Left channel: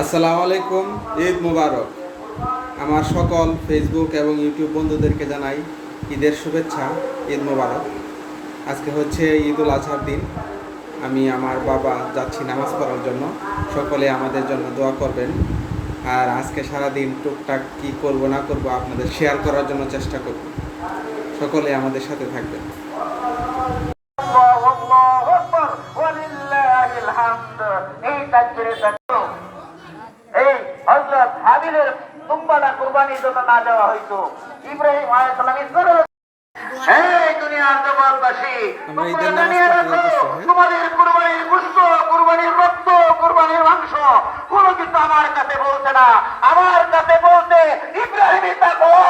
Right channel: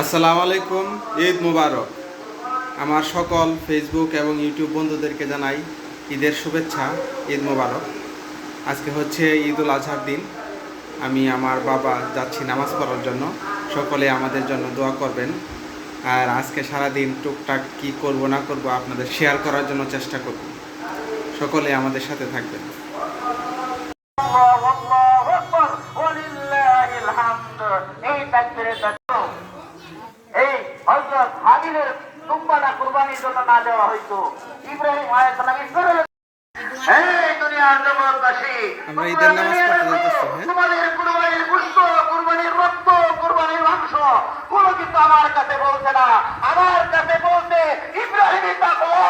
আসসালামু আলাইকুম, ঈদ মুবারক। আমার সকল ফেসবুক এবং ইউটিউব বন্ধুদেরকে জানাই ঈদের শুভেচ্ছা, ঈদ মুবারক। আজকে হচ্ছে ঈদুল আজহার দিন। আমি আমার বাবা যাচ্ছি নামাজ পড়ার জন্য। সকলে আমাদের জন্য দোয়া করবেন। আর আজকে সারাদিন টুকটাক কি করব না করব আপনাদের শেয়ার করার জন্য চেষ্টা করব। সকলে আমাদের সাথে থাকবেন। কুরবানির জন্য না দেওয়া হইতো ইব্রাহিম আলাইহিস সালাম তোমাদের কুরবানির গোশত, কুরবানির রক্ত, কুরবানির মাংস কোনো কিছু আমার কাছে বলছে না। আমার কাছে বলতে ইব্রাহিমের তাকওয়া,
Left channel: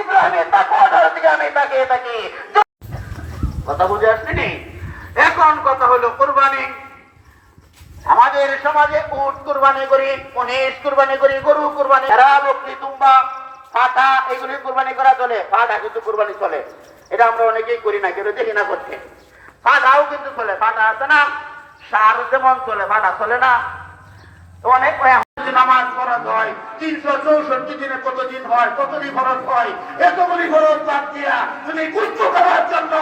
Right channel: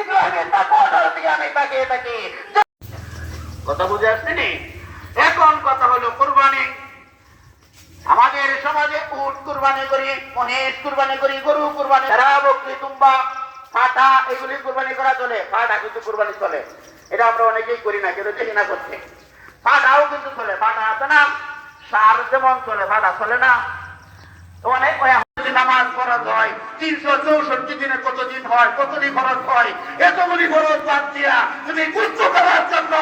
ইব্রাহিমের তাকওয়ার দিকে আমি তাকিয়ে থাকি। কথা বুঝে আসছেনি? এখন কথা হলো কুরবানি। আমাদের সমাজে উট কুরবানি করি, মহিষ কুরবানি করি, গরু কুরবানি, ভেড়া, বকরি, দুম্বা, পাঠা এগুলি কুরবানি করা চলে। পাঠা কিন্তু কুরবানি চলে, এটা আমরা অনেকেই করি না, কেউ দেখি না করছে। পাঠাও কিন্তু চলে, পাঠা আছে না, সার যেমন চলে পাঠা চলে না। অনেক নামাজ খরচ হয় 364 দিনে কতদিন হয়, কতদিন খরচ হয়, এতগুলি খরচ বাদ দিয়া তুমি গুচ্ছ করার জন্য,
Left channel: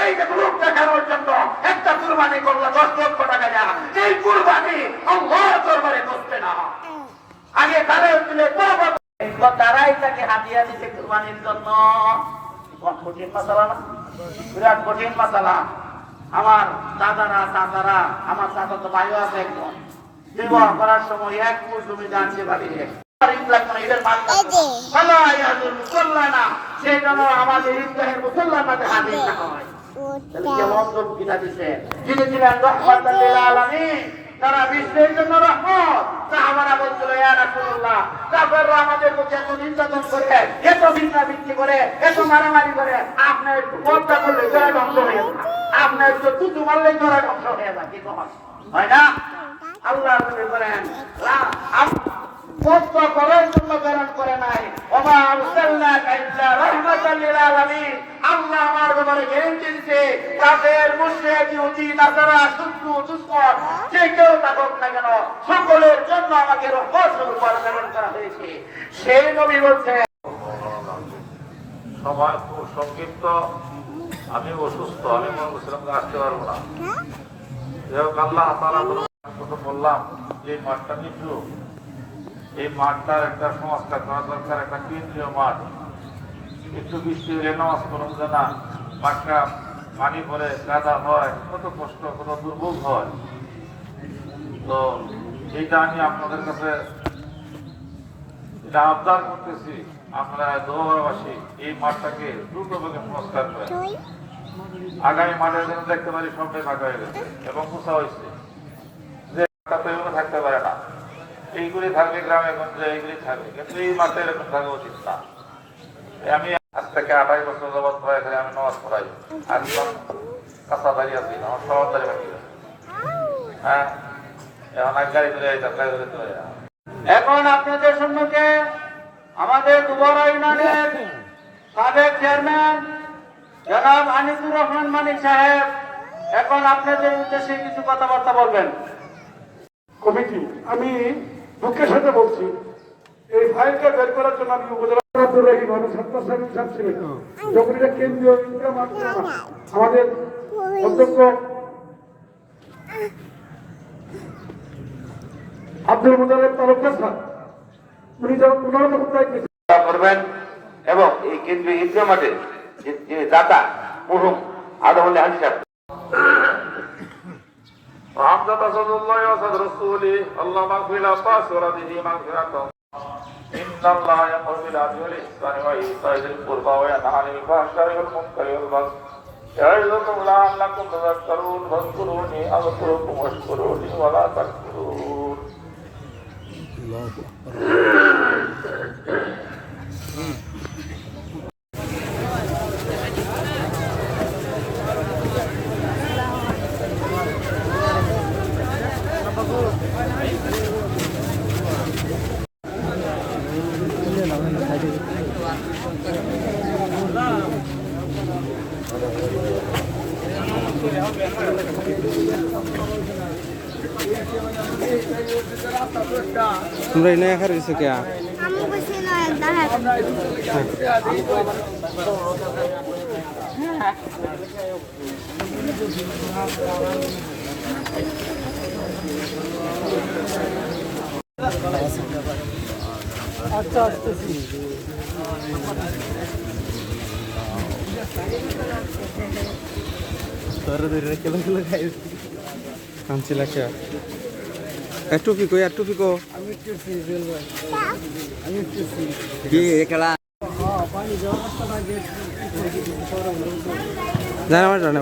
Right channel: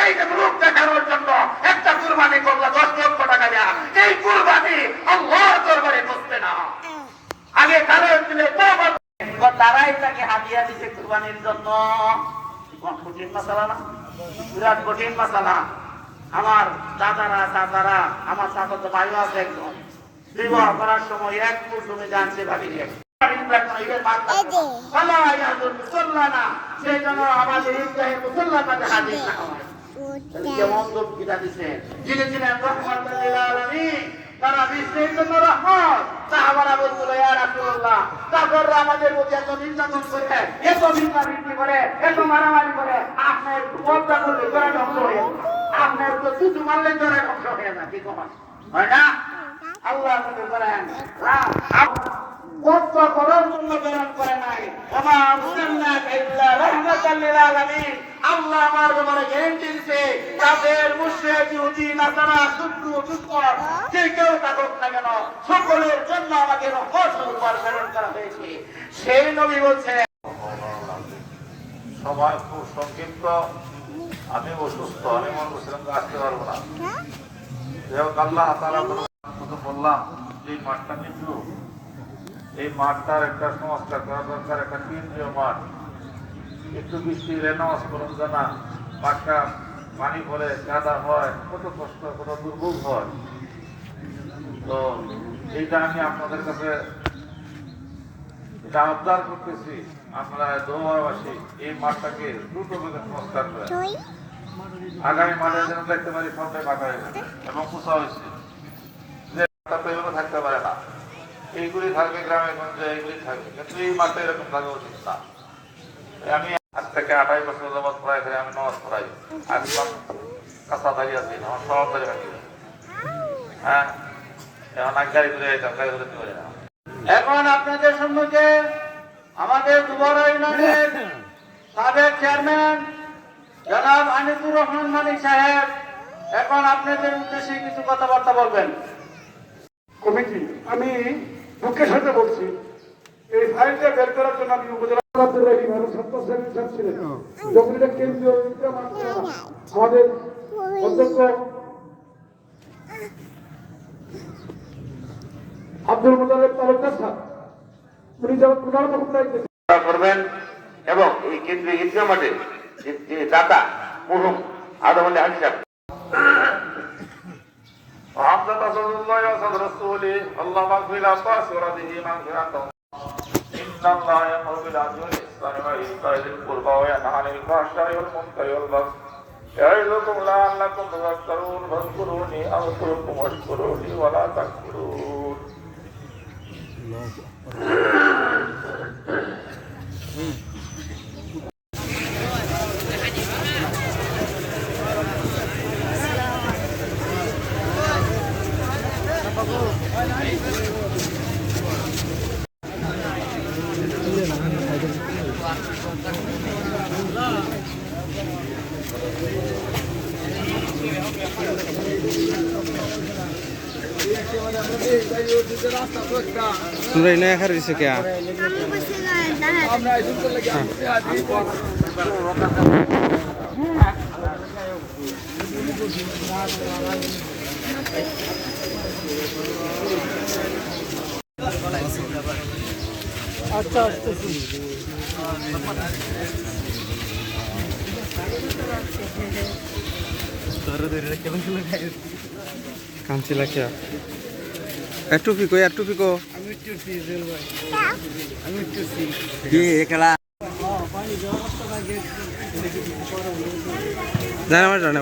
এই যে গ্রুপ দেখানোর জন্য একটা কুরবানি করলে 10 লক্ষ টাকা দেয়া, এই কুরবানি আল্লাহর দরবারে করতে না। আগে তারা দিলে তারাই তাকে হাদিয়া দিতে কুরবানির জন্য। কঠিন মাসালা না, বিরাট কঠিন মাসালা। আমার দাদারা আমার চাচা তো ভাইও আছে একজন, বিবাহ করার সময় এক ফুট জমি জানতে পারি সেই জন্য আমাদের ইব্রাহিম মুসলমানদের হাদিস না হয়। কেমন বক্তৃতা দিচ্ছে, যিনি ছিলেন রাহমাতুল লিল আলামিন, তারা বিশ্বের জন্য রহমত। সাহাবারা বলছিল, ইয়া রাসূলুল্লাহ, কাফেররা আমাদের প্রতি এত নির্যাতন করে, এত ভিক্ষাবৃত্তি করে, এত মারামারি করে, আপনি হত্যা করলে জোরে ধ্বংস হয়ে যাবে, আপনার তো তুতু মারলে জোরে ধ্বংস হয়ে যাবে, কি কখন হয় না? আল্লাহ বলেন হত্যা করার জন্য প্রেরণ করে নাই, ওমা আরসালনাকা ইল্লা রাহমাতাল লিল আলামিন। আল্লাহ আমার ব্যাপারে গ্যারান্টি দিয়েছে, কাফের, মুশরিক, ইহুদি, নাসারা, শত্রু, দুশমন যে কেউ থাকুক না কেন, সকলের জন্য আমাকে রহমত স্বরূপ প্রেরণ করা হয়েছে। সেই নবী বলছে, সবার খুব সংক্ষিপ্ত, আমি অসুস্থ, আমি মনে করছিলাম আসতে পারবো না। আল্লাহ তাআলা কথা বললাম, এই মাঠটা নিচ্ছিল, এই মাঠটার একটা সংস্কার করা দরকার, একটা কেন্দ্রীয় মাঠ। একটু বৃষ্টি এলে নামাজ পড়ুন জানা, মাঠটা পানি পরে কাদা হয়, কত কষ্ট, কত দুর্ভোগ হয়। তো এইটা আমি আপনাদের কাছে এটা আবদার করতেছি, আপনারা দোয়াবাসী এই মাঠটাকে দ্রুতভাবে সংস্কার করেন। আগামী মাঠে যেন দেখতে পারি সবটাই ফাঁকা হয়ে গেছে এবং পোষা হয়েছে, যে থাকতে পারে না। এইগুলি থাকবে গ্রামে গঞ্জে, এইগুলি থাকবে, কিন্তু এই মাঠে এরকম থাকা উচিত না। আমি আজ থেকে 28 বছর যাবৎ পড়াই করে আমি নামাজ পড়াই, একদম কাঁচা দাঁড়িয়ে আছি, আমার সব দাঁড়িয়ে বাকি আছে। হ্যাঁ, এখন এক গাড়ি ধরে গাড়ি ধরতে পারে না। এখন আপনাদের সম্মুখে আমাদের দুবরা ইউনিয়নের সাবেক চেয়ারম্যান জনাব আনিসুর রহমান মানিক সাহেব এখন আপনাদের উদ্দেশ্যে কিছু কথাবার্তা বলবেন। কমিটি, আমি দুঃখের সাথে বলছি, এই ফাইলটা বের করার জন্য আমি উপজেলা যখন এটা কেন্দ্রীয় আমাদের অধ্যক্ষ আব্দুল মুতালেব তালুকদার স্যার, উনি যখন করবেন এবং এই কেন্দ্রীয় ঈদগাহ মাঠে যে দাতা মরহুম আদমুল্লাহ হাজি সাহেব وعبد رسول الله وصد رسوله اللهم اغفر لأباس ورده مغفرة. إن الله يأمر بالعدل والإحسان وإيتاء ذي القربى وينهى عن الفحشاء والمنكر والبغي يعظكم لعلكم تذكرون. فاذكروني أذكركم واشكروني ولا تكفرون. তোমরা এই নয়া খারিছো কে? কাঞ্চিলা কে? টুপি কো यार টুপি কো? জানা আমার জানা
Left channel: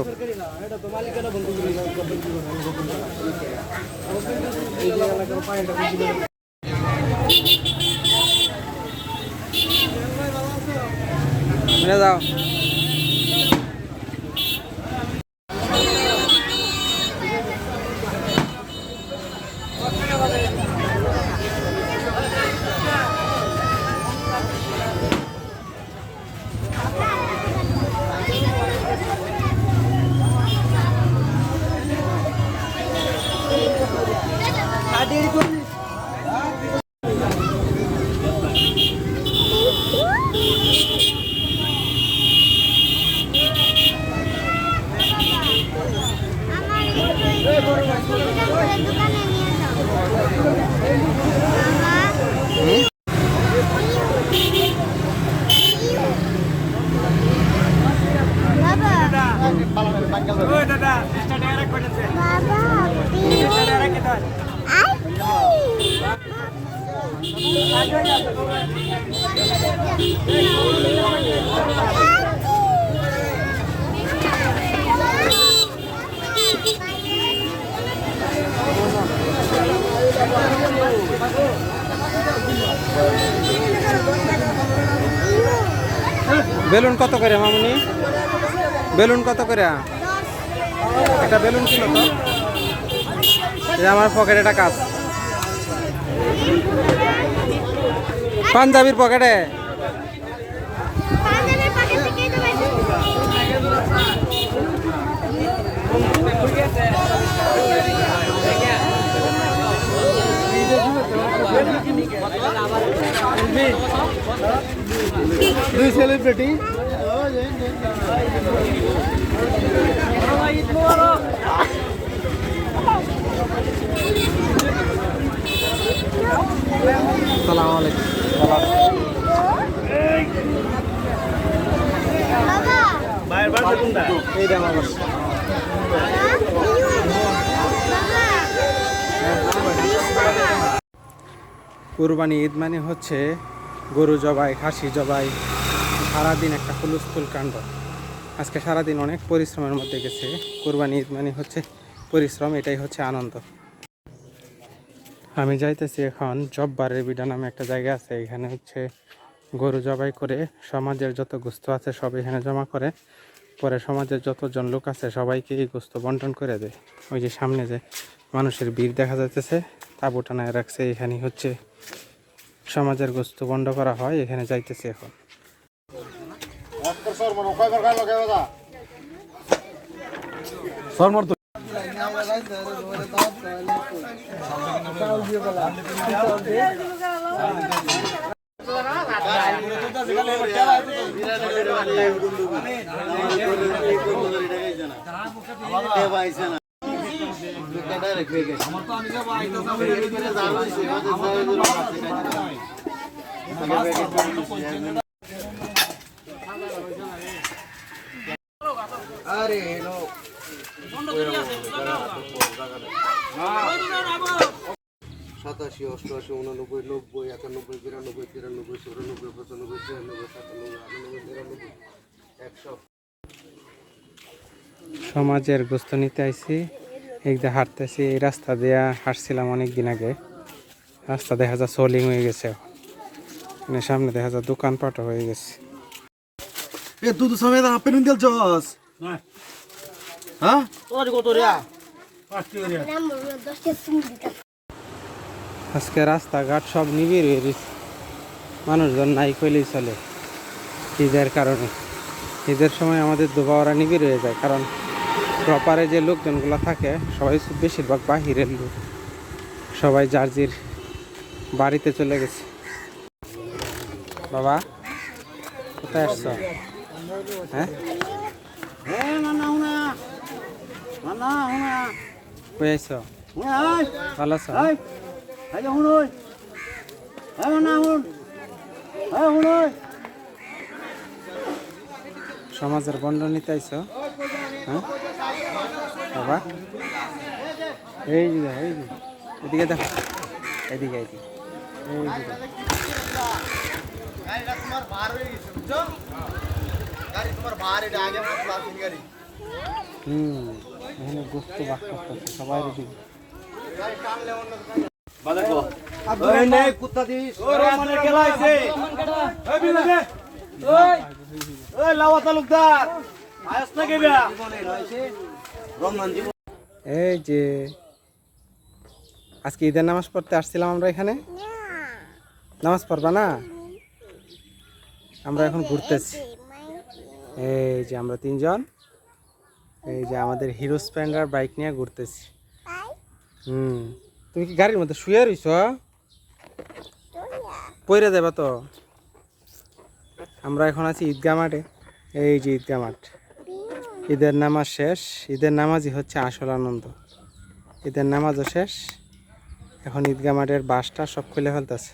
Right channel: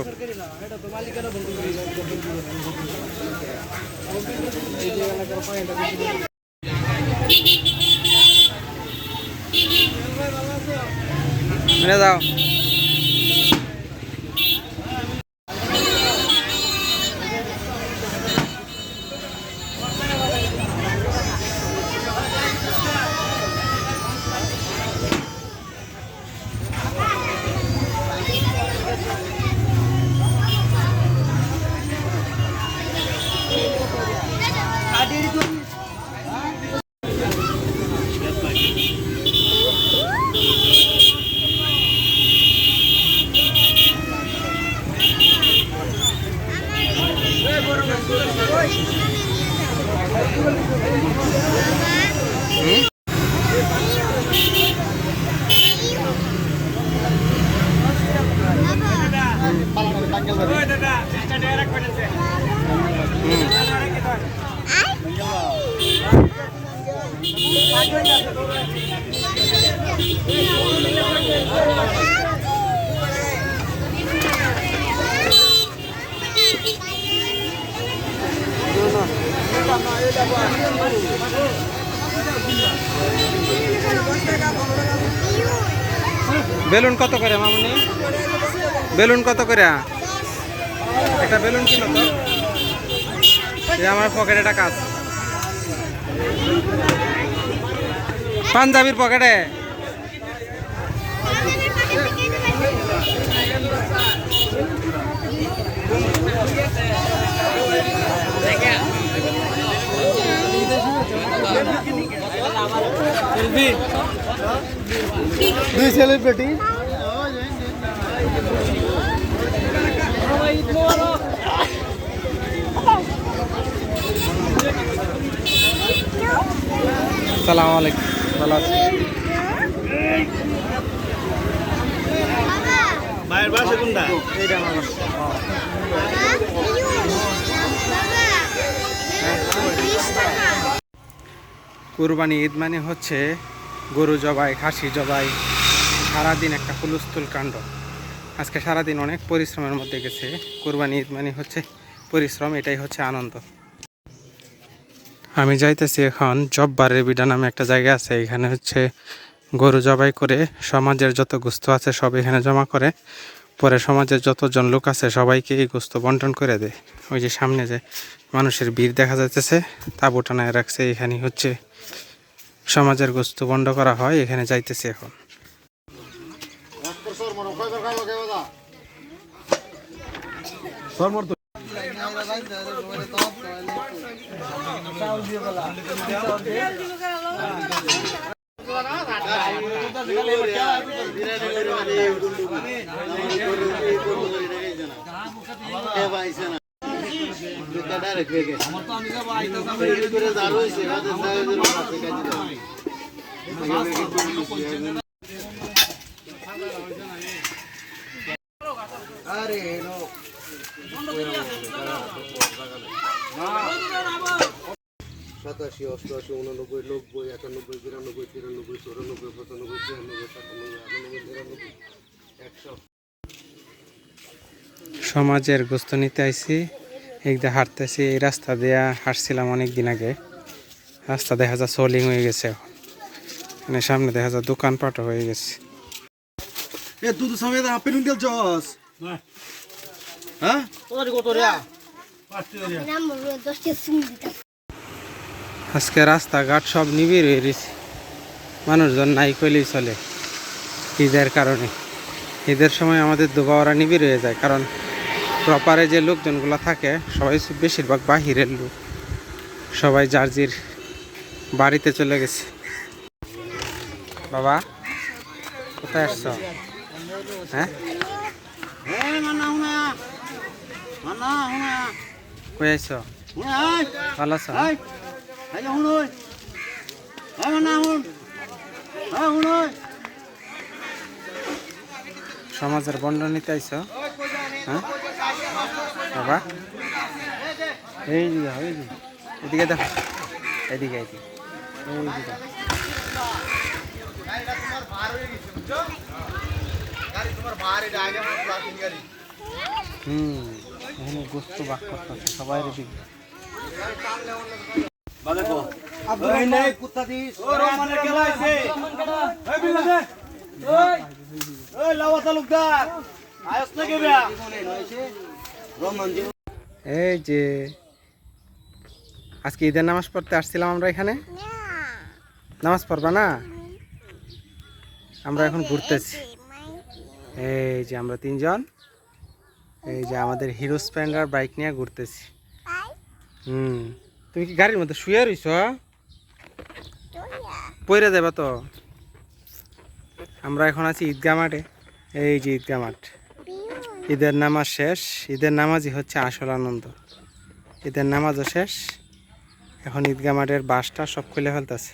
যাও। বেলুন কত করে মামুনি? বেলুন কত করে? একটা বেলুন কিলো তো? এই আমার পকেটে টাকা আছে। পাঞ্জাবির পকেটে দুই সেলিব্রিটি সালাম আলাইকুম। ভালো আছি। এইটা আমার বাসা। কুরবানি ঈদ মানে হচ্ছে গরু জবাই, খাসি জবাই, সারাদিন একটা হুলস্থুল কাণ্ড। আজকে সারাদিন অনেক পরিশ্রমের মধ্যে গেছে। কুরবানি ঈদ মানে হচ্ছে পরিশ্রম, এটাই হচ্ছে আনন্দ। আমি যাইতেছি এখন জব্বারের বিডা নামে একটা জায়গা আছে, এখানে হচ্ছে গরু জবাই করে সমাজের যত গোস্ত আছে সব এখানে জমা করে, পরে সমাজের যতজন লোক আছে সবাইকে এই গোস্ত বন্টন করে দেয়। ওই যে সামনে যে মানুষের ভিড় দেখা যাইতেছে, তাঁবু টানায় রাখছে, এখানে হচ্ছে সমাজের গোস্ত বন্ড করা হয়। এখানে যাইতেছি এখন। সাতাশি, অষ্টআশি, 89, 90, 91, 92, 93, 94, 95, 96, 97, 98, 99, 100। সমাজের গোস্ত নিতে আইছি, একদিকে হাঁটতেছি। এই রাস্তা দিয়ে হাঁটছিলাম অনেক দিন আগে, রাস্তা দেখা যায় সোলিং হয়ে গেছে এখন। মানে সামনে দেখা যায় দোকানপাটও হয়ে গেছে। তুই তো সবাই আপেল উন্ডেল চস হ্যাঁ আজকে রাস্তাঘাট সব নিবিড় হয়ে গেছে, মানুষজন নাই কইলেই চলে। ঈদের কারণে ঈদের সময় আমাদের দুবাওয়ারা নিবিড় হয়ে যায়, কারণ প্রপারে যে লোকজনগুলো থাকে সবাই বেশিরভাগ বাহিরের লোক, সবাই জার্জির বাড়িতে চলে গেছে। বাবা কোথায় আসছো? হ্যাঁ কই আইছো? ভালো আছো? সমাজের বন্টন নিতে আইছো? হ্যাঁ বাবা এই যে এদিকে দেখো, এদিকে এই যে দেখো। এখানে গোস্ত বাক করতেছে সবাই রেডি। এই যে আজকে ঈদের নামাজ পড়তে আসছিলাম আমরা এখানে। নামাজ পড়বা না? আমরা এখন ঘুরতেছি। এই যে আমরা তিনজন, এই যে আমাদের হিরো স্প্লেন্ডার বাইক নিয়ে ঘুরতেছি। তুমি কি গাড়ির মধ্যে শুয়ে রইছ? পইরা যাবা তো। আমরা এখন আছি ঈদগাহ মাঠে। এই যে ঈদগাহ মাঠ, ঈদের নামাজ শেষ। ঈদের নামাজই হচ্ছে আসল আনন্দ। ঈদের নামাজও শেষ, এখন ঈদগাহ মাঠের বাসটা সব খুলে ফেলতেছে।